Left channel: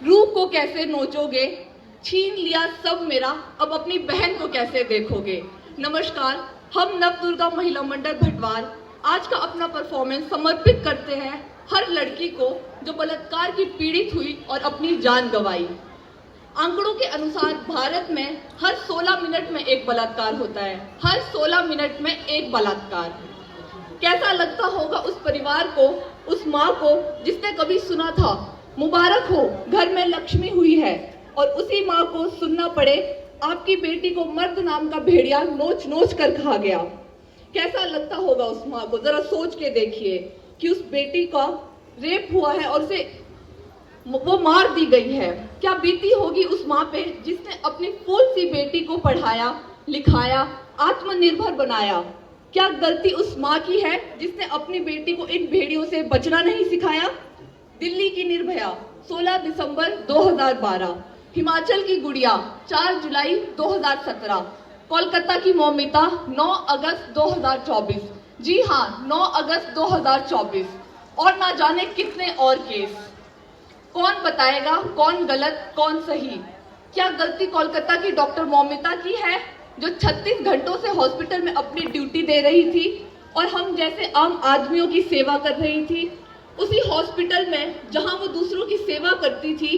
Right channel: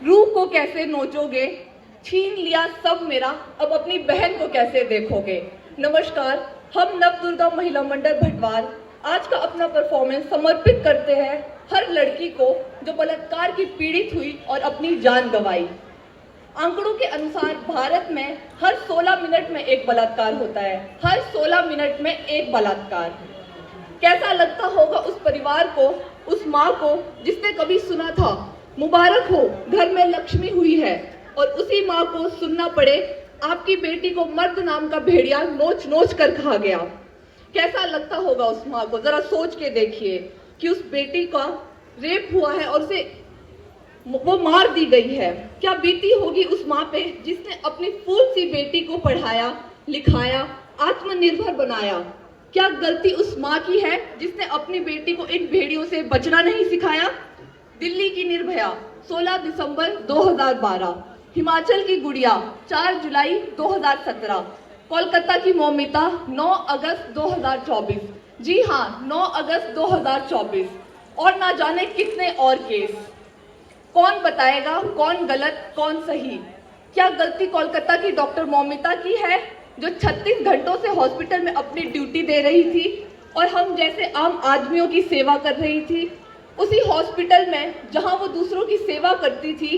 रूह को कैसे नोचोगे, छीन लिया सब मेरा, अब अपनी बहन को कैसे देखोगे। नमस्कार, हम नवदुर्गा महिला मंडल भटवार आज का अपना परफॉर्मेंस समर्पित करते हैं हर लड़की को जो बलात्कार की पीड़ित हुई और अपनी जान गंवाई। आंकड़ों के अनुसार भारत में हर 16 मिनट में एक बलात्कार होता है, हर 16 मिनट में एक बलात्कार। कैसा लगता होगा उस परिवार को, उस माँ को जिसने कभी सुना था मुबारक हो घर में लक्ष्मी हुई है, और उसी माँ को सुनना पड़े आपकी बेटी को मर्द नाम का भेड़िया नोच नोच कर खा गया। कैसा लगता होगा उस माँ को, जरा सोच के देखिए कि उस बेटी का रेप हुआ है और उसे वो मार दी गई है। क्या बीती होगी उस माँ पे जिसने अपनी फूल सी बेटी को पढ़ाया, लिखाया, आत्मनिर्भर बनाया। क्या गलती उस माँ की है जिसने अपनी बेटी को इन भेड़ियों से बचना नहीं सिखाया। दिल्ली की निर्भया 16 दिसंबर 2012, हिमाचल की गुड़िया 4 जुलाई 2017, कोलकाता की मौमिता 9 अगस्त 2024। जी हाँ, 9 अगस्त 2024, और ना जाने कितने और केस। कौन बताएगा कौन गलत कौन सही। क्या गलती कोलकाता की डॉक्टर मौमिता की है जो 36 घंटों से हॉस्पिटल में अपनी ड्यूटी दे रही थी और हम जैसे आम आदमियों की सेवा कर रही थी। उसी हॉस्पिटल में जहां वो दूसरों की सेवा करती थी,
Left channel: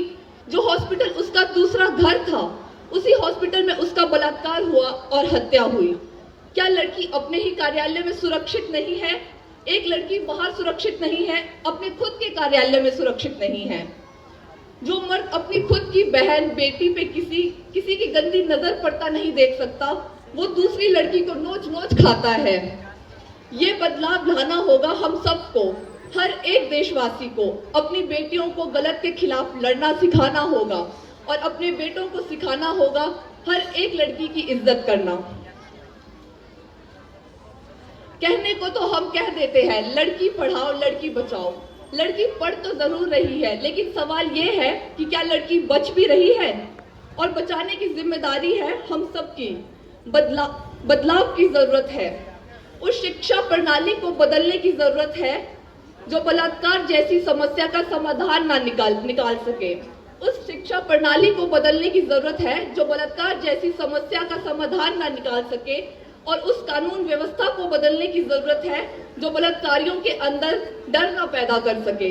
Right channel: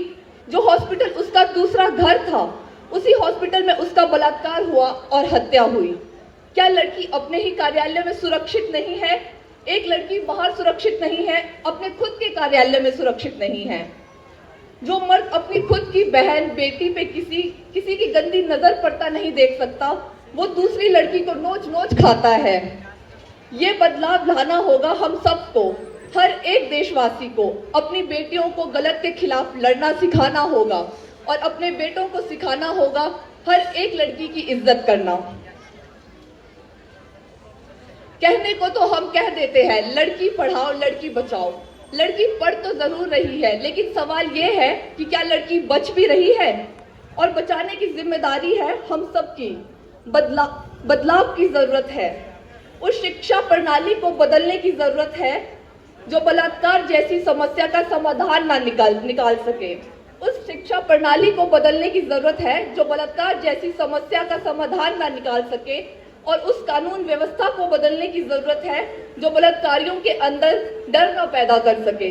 जो हॉस्पिटल उसका दूसरा घर था, उसी हॉस्पिटल में उसका बलात्कार हुआ और हत्या हुई। क्या लड़की अपने ही कार्यालय में सुरक्षित नहीं है? एक लड़की बाहर सुरक्षित नहीं है, अपने खुद के कार्यालय में सुरक्षित नहीं है। जो मर्द अपनी खुद की बहन बेटी पे किसी की गंदी नजर पड़ता नहीं देख सकता, वो दूसरी लड़की को नोच नोच खाता है। ये बदलाव लाना होगा हम सबको, हर एक देशवासी को अपनी बेटियों को गलत के खिलाफ लड़ना सिखाना होगा और अपने बेटों को सिखाना होगा हर एक लड़की की इज्जत करना। कहने को तो हम कह देते हैं लड़की पढ़ाओ लड़की बचाओ। लड़की पढ़ तो जरूर रही है, लेकिन सवाल यह है कि क्या लड़की बच भी रही है, और बचाने की जिम्मेदारी है हम सबकी। बदलाव की जरूरत है। उस शिक्षा प्रणाली को बदलने की जरूरत है जो बलात्कार जैसी समस्या का समाधान ना निकाल सके। उस शिक्षा प्रणाली को बदलने की जरूरत है जो बलात्कार जैसी समस्या का समाधान ना निकाल सके, और उस कानून व्यवस्था को बदलने की जरूरत है जो बलात्कारियों के अंदर डर न पैदा कर सके।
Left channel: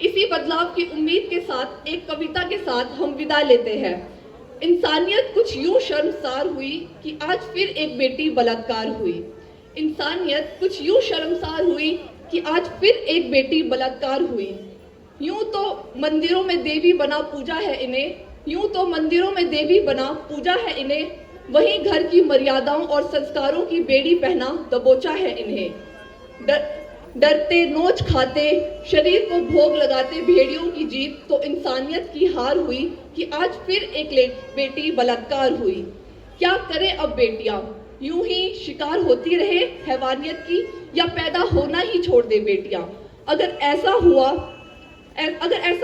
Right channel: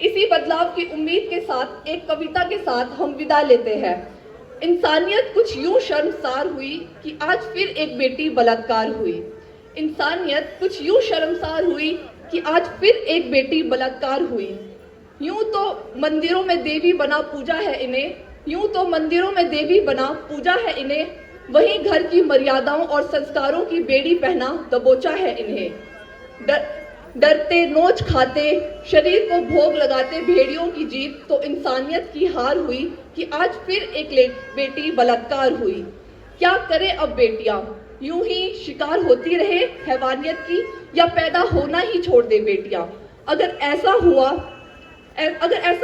इसी बदलाव की उम्मीद के साथ एक कविता के साथ हम विदा लेते हैं। इंसानियत कुछ यूं शर्मसार हुई कि आज फिर एक बेटी बलात्कार हुई। इंसानियत कुछ यूं शर्मसार हुई कि आज फिर एक बेटी बलात्कार हुई। यूं तो मंदिरों में देवी बना पूजा है इन्हें, यूं तो मंदिरों में देवी बना पूजा है इन्हें, वहीं घर की मर्यादाओं और संस्कारों की बेड़ी पहना दबोचा है इन्हें। डरते नोच खाते शरीर को भोग लगाते भेड़ियों की जीत तो इंसानियत की हार हुई कि आज फिर एक बेटी बलात्कार हुई। क्या करें अब बेटियां, यूं ही शिकार होती रहे हैवानियत की, या पैदा होना ही छोड़ दे बेटियां। अगर ऐसा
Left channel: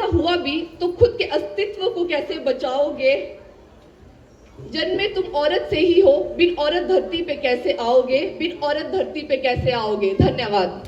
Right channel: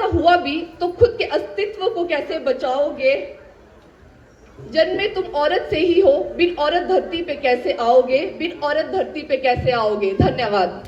हुआ भी तो खुद के अस्तित्व को कैसे बचाओगे। जन्मे तुम औरत से ही हो, बिन औरत धरती पे कैसे आओगे, बिन औरत धरती पे कैसे आओगे। धन्यवाद।